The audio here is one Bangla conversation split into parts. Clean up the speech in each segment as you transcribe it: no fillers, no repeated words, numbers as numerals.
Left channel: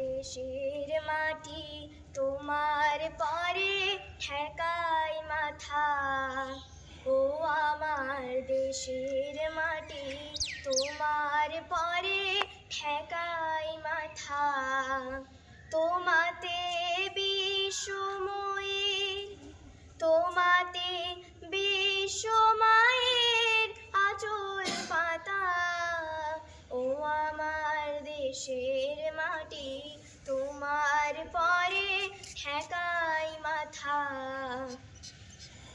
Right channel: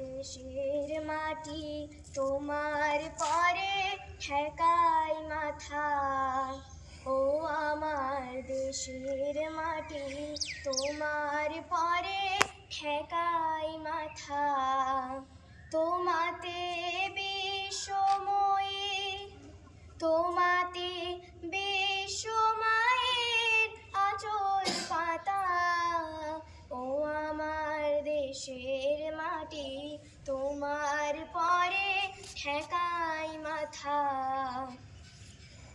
দেশের মাটি তোমার পরে ঠেকাই মাথা। ও আমার দেশের মাটি তোমার পরে ঠেকাই মাথা। তোমাতে বিশ্বময়ের তোমাতে বিশ্বমায়ের আঁচল পাতা। ও আমার দেশের মাটি তোমার পরে ঠেকাই মাথা।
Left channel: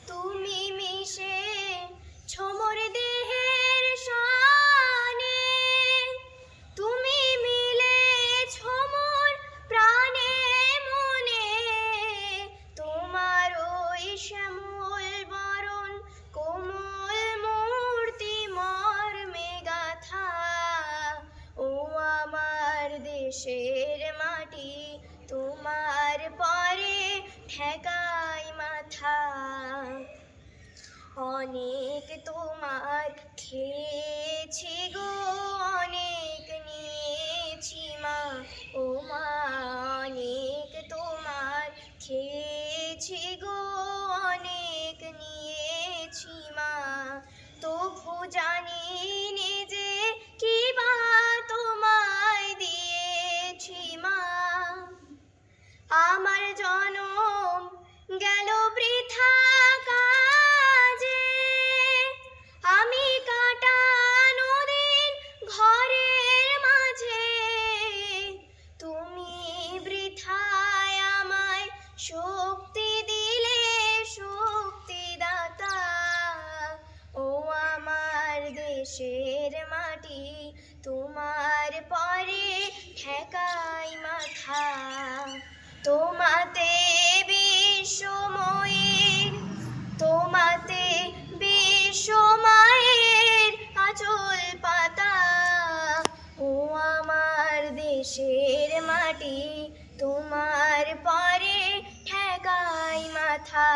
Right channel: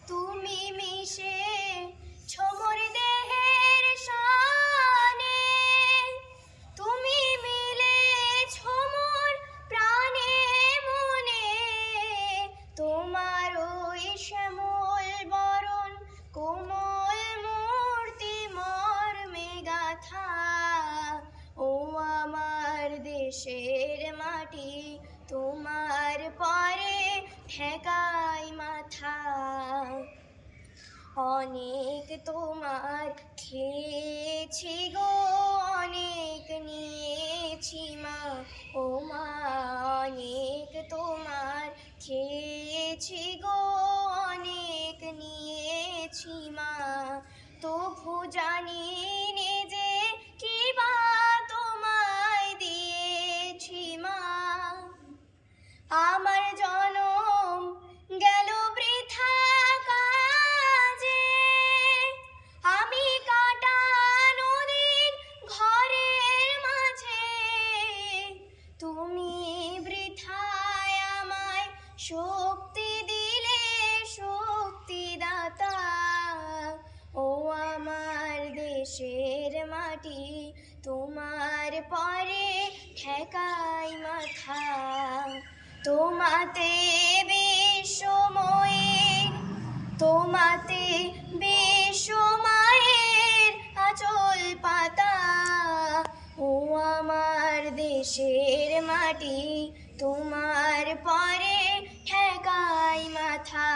তুমি মিশে ছোমর দেহের শানে, তুমি মিলে ছোমর প্রাণে মনে। তোমার ওই শ্যামল বরণ কোমল মূর্তি মর্মে গাথা। ও আমার দেশের মাটি তোমার পরে ঠেকাই মাথা। অনেক তোমার খেয়েছি গো, অনেক নিয়েছি মা। ও মা অনেক তোমার খেয়েছি গো, অনেক নিয়েছি মা। তবু জানি নে যে কি বা তোমায় দিয়েছি মা। আমার জনম গেল বৃথা কাজে, আমি কাটানো দিন ঘরের মাঝে। তুমি বৃথায় আমায় শক্তি দিলে শক্তিদাতা। ও আমার দেশের মাটি তোমার পরে ঠেকাই মাথা। তোমাতে বিশ্বময়ের তোমাতে বিশ্বমায়ের আঁচল পাতা। ও আমার দেশের মাটি তোমার পরে ঠেকাই মাথা।